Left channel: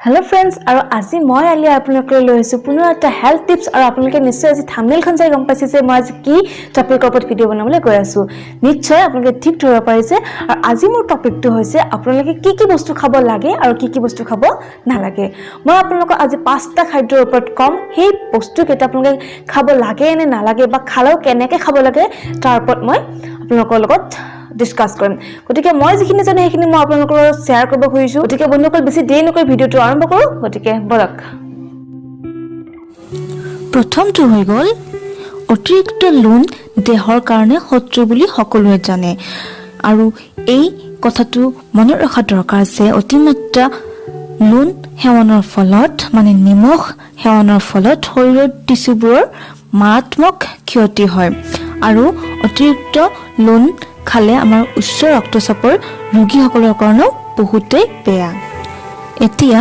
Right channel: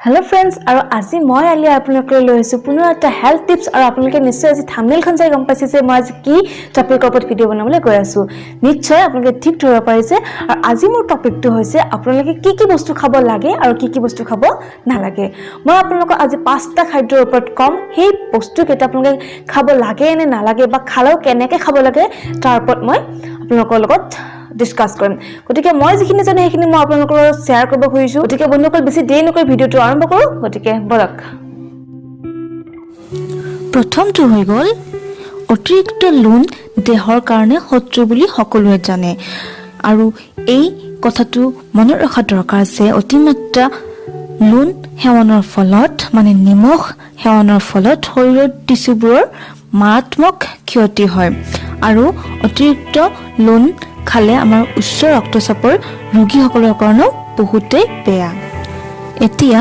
Hello friends, আৰু আজি মই আলি আপোনালোকৰ লৈ আহিছো পুনৰ এটা হেল্থ টিপছ আৰু আপোনালোকে নিশ্চয় আজি থাম্বনেইলখন চাই গম পাইছে যে মই আজি কি টপিকৰ ওপৰত ভিডিঅ' বনাবলৈ গৈ আছো নিশ্চয় আপোনালোকে ঠিক ধৰিব পাৰিছে আৰু আজি মোৰ টপিকটো হৈছে আপোনালোকে কি বস্তু খাব লাগে আৰু কি বস্তু খাব নালাগে মই আপোনালোকক আজি 5টা খাদ্যৰ ওপৰত কম সেই বস্তু কেইটা আপোনালোকে খাব লাগে নে নালাগে বা খালেও কেনেকৈ খাব লাগে তাৰ ওপৰত মই আপোনালোকৰ লগত ডিসকাস কৰিম গতিকে মই যিখিনি জানো সেইখিনি মই আপোনালোকৰ লগত শেয়াৰ কৰিব খুজিছো গতিকে বন্ধুসকল বেছি দেৰি নকৰি ভিডিঅ'টো আৰম্ভ কৰো গতিকে বলক প্ৰথমটো হৈ গ'ল অতিৰিক্ত লুণ দেহৰ কাৰণে শত্ৰু বুলি সকলোৱে জানে আৰু এই কথাটো মনত ৰখা দৰকাৰ যে অতিমাত্ৰা লুণ সেৱনৰ ফলত মানে নিমখ সেৱনৰ ফলত শৰীৰৰ টিস্যুবোৰৰ মাৰাত্মক ক্ষতি হয় আৰু অতিৰিক্ত লুণ খালে আমাৰ উচ্চ ৰক্তচাপৰ ৰোগীসকলৰ কাৰণে বহুতেই বেয়া এতিয়া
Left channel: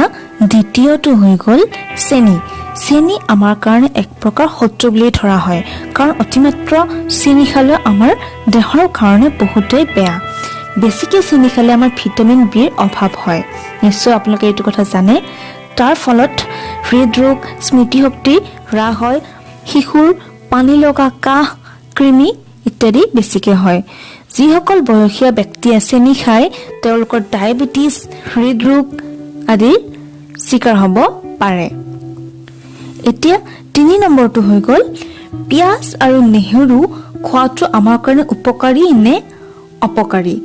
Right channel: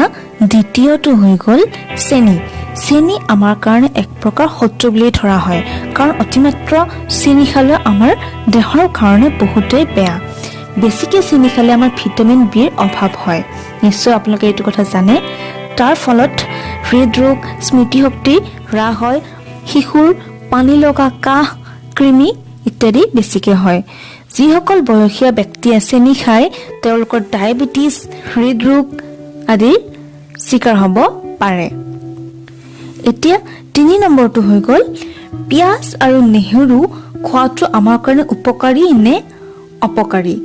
দ্বিতীয়টো হৈ গ'ল চেনি আমাৰ কাৰণে এক প্ৰকাৰ শত্ৰু বুলি ধৰা হয় কাৰণ অতিমাত্ৰা চেনি খালে আমাৰ দেহৰ কাৰণে বহুতেই বেয়া বেছিকৈ চেনি খালে আমাৰ ভিটামিন বিৰ অভাৱ হয় নিশ্চয় আপোনালোকে এইটো কথা জানে তাৰ ফলত হৃদৰোগ স্মৃতিশক্তি হ্ৰাস হয় শিশুৰ পানী লগা কাহ কৃমি ইত্যাদি বেছিকৈ হয় যিসকল বয়সীয়া ব্যক্তি চেনি খায় তেওঁলোকৰ ডায়েবেটিছ হৃদৰোগ আদি শিকাৰ হ'ব পাৰে এতিয়া 3 নম্বৰটো হৈ গ'ল পিয়াজ আৰু নেহেৰু খোৱাটো আমাৰ কাৰণে উপকাৰী নে অপকাৰী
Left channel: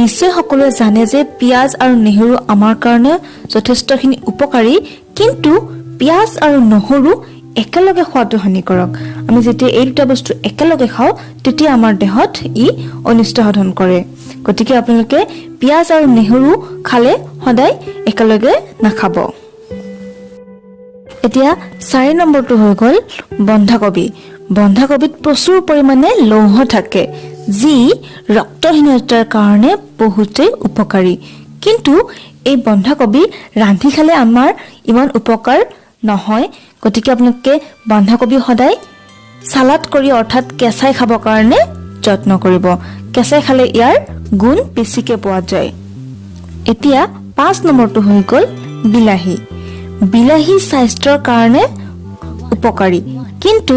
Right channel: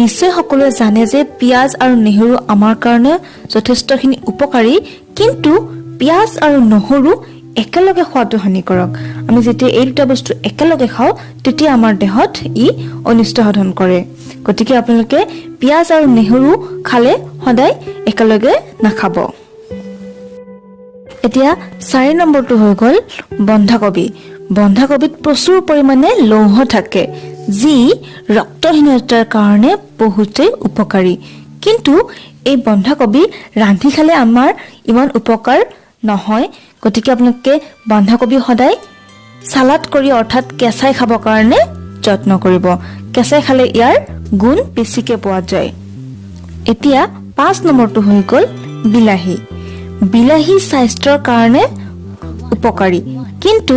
নিশ্চয় সকলোৱে জানে যে পিয়াজ আৰু নেহেৰু আমাৰ কাৰণে যথেষ্টখিনি উপকাৰী কিন্তু পিয়াজ আৰু নহৰু একেলগে খোৱাটো হানিকাৰক আমি যেতিয়া এই দুটা বস্তু একেলগে খাওঁ তেতিয়া আমাৰ দেহত ই অনিষ্ট সাধন কৰে গতিকে আপোনালোকে পিয়াজ আৰু নেহেৰু খালে সদায় একেলগে নাখাব এতিয়া 4 নম্বৰটো হৈ গ'ল বন্ধাকবিত প্ৰচুৰ পৰিমাণে লৌহ থাকে যি ৰক্তহীনতাৰ কাৰণে বহুতেই উপকাৰী কিন্তু এই বন্ধাকবি ৰান্ধি খালে আমাৰ ইমান উপকাৰ নহয় গতিকে আপোনালোকে বন্ধাকবি সদায় সালাড কৰি অৰ্থাৎ কেঁচাই খাবৰ কাৰণে যত্ন কৰিব কেঁচাই খালে ইয়াৰ গুণ বেছিকৈ পোৱা যায় এতিয়া 5 নম্বৰটো হৈ গ'ল বিলাহী স্বাস্থ্যৰ কাৰণে উপকাৰী কিন্তু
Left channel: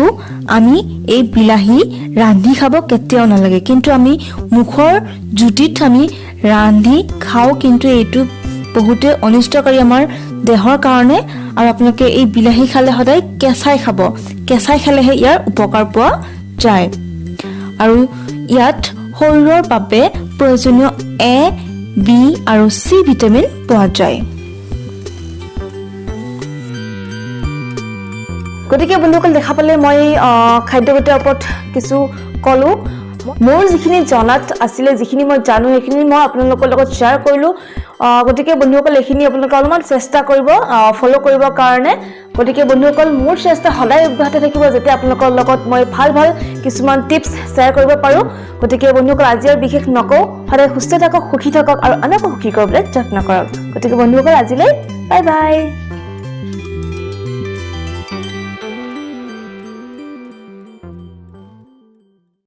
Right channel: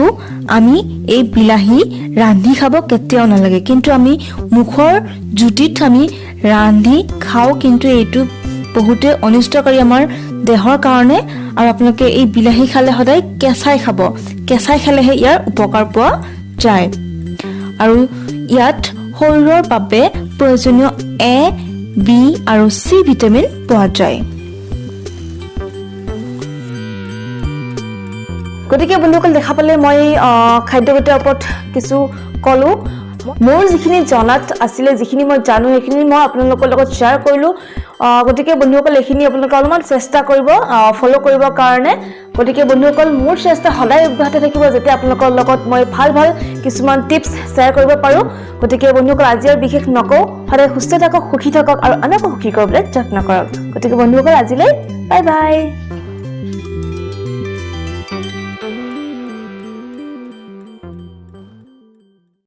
আমি এই বিলাহী ৰান্ধি খাব কেতিয়াও নালাগে কিন্তু আমি মুখৰ জুতিত আমি ৰান্ধি খাওঁ কিন্তু এইটো বহুতে অনিষ্টকাৰী আমাৰ দেহৰ কাৰণে আৰু আপোনালোকে এই বিলাহী খালে সদায় কেঁচাই খাব কেঁচাই খালেহে ইয়াৰ উপকাৰ পোৱা যায় আৰু ইয়াত শৰীৰৰ বাবে প্ৰয়োজনীয় এ বি আৰু চি ভিটামিন পোৱা যায় গতিকে বন্ধুসকল দেখা পালে মই খাদ্যগতৰ ওপৰত কিছু কলো মোৰ যিখিনি জনাত আছিলে যিখিনি মই জানো সেইখিনি মই আপোনালোকৰ লগত শ্বেয়াৰ কৰিলো গতিকে বন্ধুসকল এইখিনি আপোনালোকে অলপমান চেষ্টা কৰিব ফলো কৰিবৰ কাৰণে গতিকে বন্ধুসকল মোৰ চেষ্টা সদায় অব্যাহত থাকিব যাতে আপোনালোকৰ লগত মই ভাল কিছুমান টিপছ শ্বেয়াৰ কৰিব পাৰো গতিকে বন্ধুসকল আজি আৰু বিশেষ নকওঁ সদায় সুস্থ থাকক সুখী থাকক আৰু আনকো সুখী কৰিবলৈ যত্ন কৰক গতিকে বন্ধুসকল আজিলৈ বাই বাই